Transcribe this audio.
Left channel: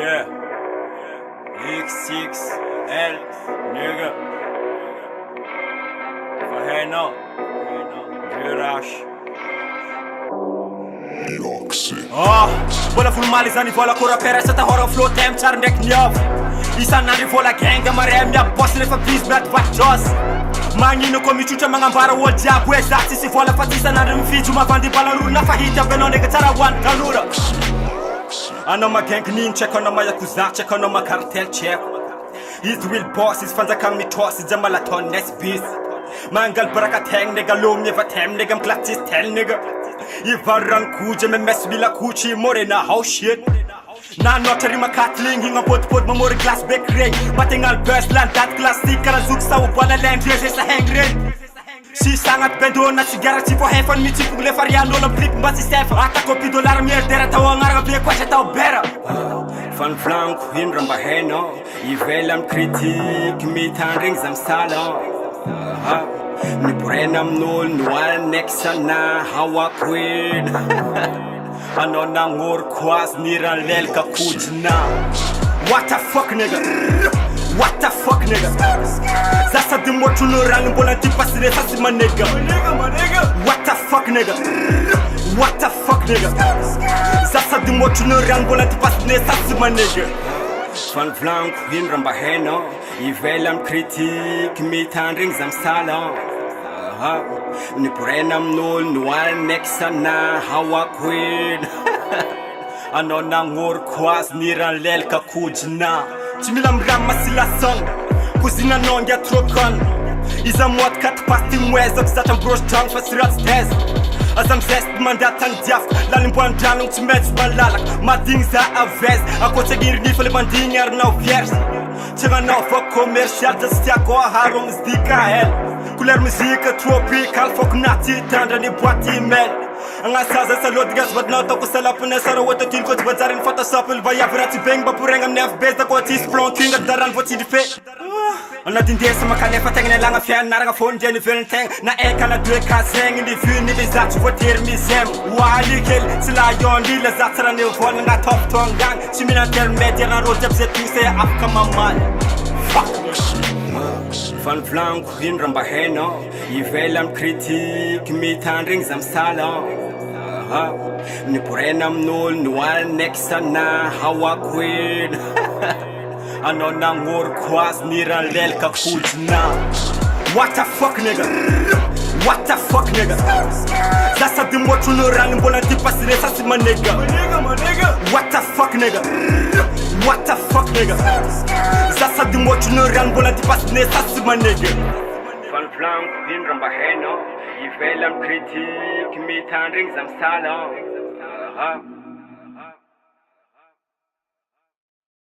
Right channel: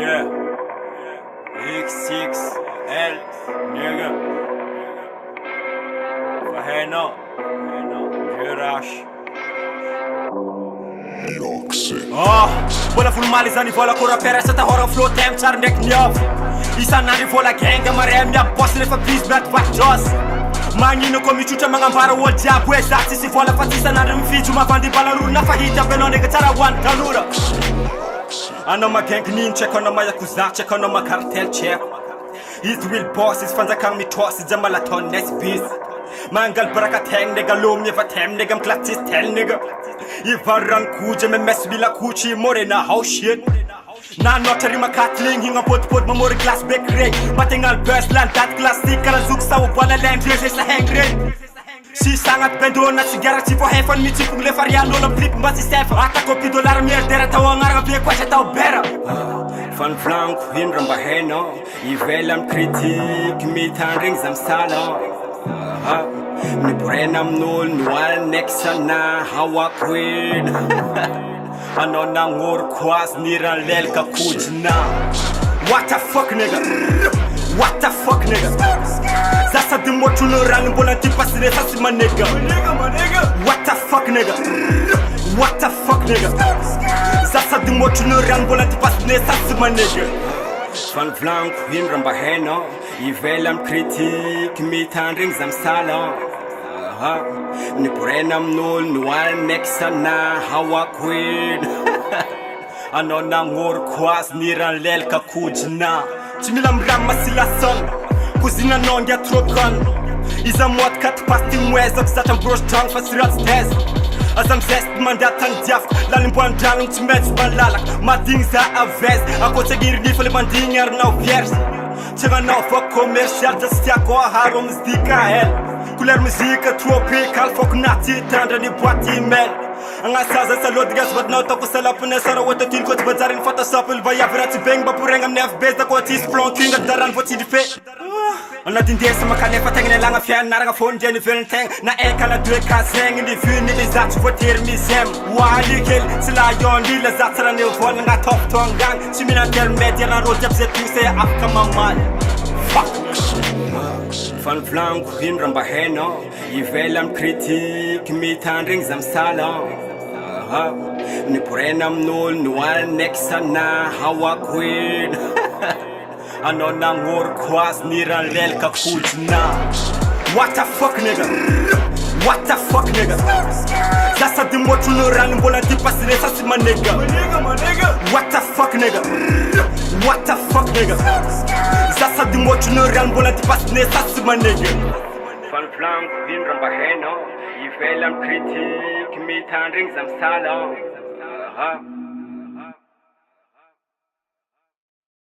Yeah. X6L, nigga. Vad händer? Ju-RACH. Bola formalizando e vola cor a pera, só tá hora flow tem char nek nyav. Isa na vola genga marem ya boss le fabris brat vachos. Manino komi chucha mangambara wo diabo exati se vola fatisa na rim fiju ma vandi balaru na fahita beno nega tara wan kalura. Ano ma gang nin check on ma yakuza check on ma cartel check. His real boss is fanta kang mi toss jamala ton next beef. Mangal baraka teng nega lom neva tem nega klatis tel nega. I varan kuje me mess vila kuchi more na house shit. Na notary makatling hinga pot mamori glass back ring. Matingal best land that classic kala zuk sa ubana land dress sa hang ring. Si sangat bendo na sigara tipo heaven ni tipo le fariano na blick mbati step ata kopi dollar mer dera tawangar ga kwa ta bera. Van flank hin ramba heno I velam kritik mi taring zam salon. Ni brenam nol nual nexa na hawa queen. Ano na ngor kwas niralel ka kujna. What the fuck nigga? What the fuck nigga? Zasa di motu no rang bola tipas le sasi ma nigga. What the fuck nigga? What the fuck nigga? Zasa di motu no rang bola tipas le sasi ma nigga. Van flank hin ramba heno I velam kritik mi tandring zam salon. Ni porenam nol nual nexa na hawa queen. Ano na ngor kwas niralel ka kujna. Chinilam rama sila song Kuzina nongia trokan Iza mwat kat pasti mwez Oksatan brosh drang fasirat test Azam zest mandatang diaf Lalim buan drang chimets malalak Mading za avez Ako tegir ni fele banding arnaw viers Tega naw fa commercial Jastia ko harom zdika hel Kuler muzika tropical Fok nati tandra ni boati men Anga saza sa lodgas vad na toko sa lapune sara wata kin ko tbazarin photoshop il vaya vrati beng ba pureng am nef bez da ko tis flonking daran voti di fe Ana din desa makane fateng ne langa fian naranga phone jeni velenteng na e kala de ka seng ni vin ni zat voter mi sem wali kel sila yon li la zatara ne vol nga top tongang chimina ter media na ro jab se tise akama mal fuck Van flank hin ramba heno I velam kritik mi tandring zam salon. Ni porenam nol nual nexa na hawa queen. Ano na ngor kwas niralel ka kujna. What the fuck nigga? What the fuck nigga? Zasa di motu no rang bola tipas le sasi ma nigga. What the fuck nigga? What the fuck nigga? Zasa di motu no rang bola tipas le sasi ma nigga. Van flank hin ramba heno I velam kritik mi tandring zam salon.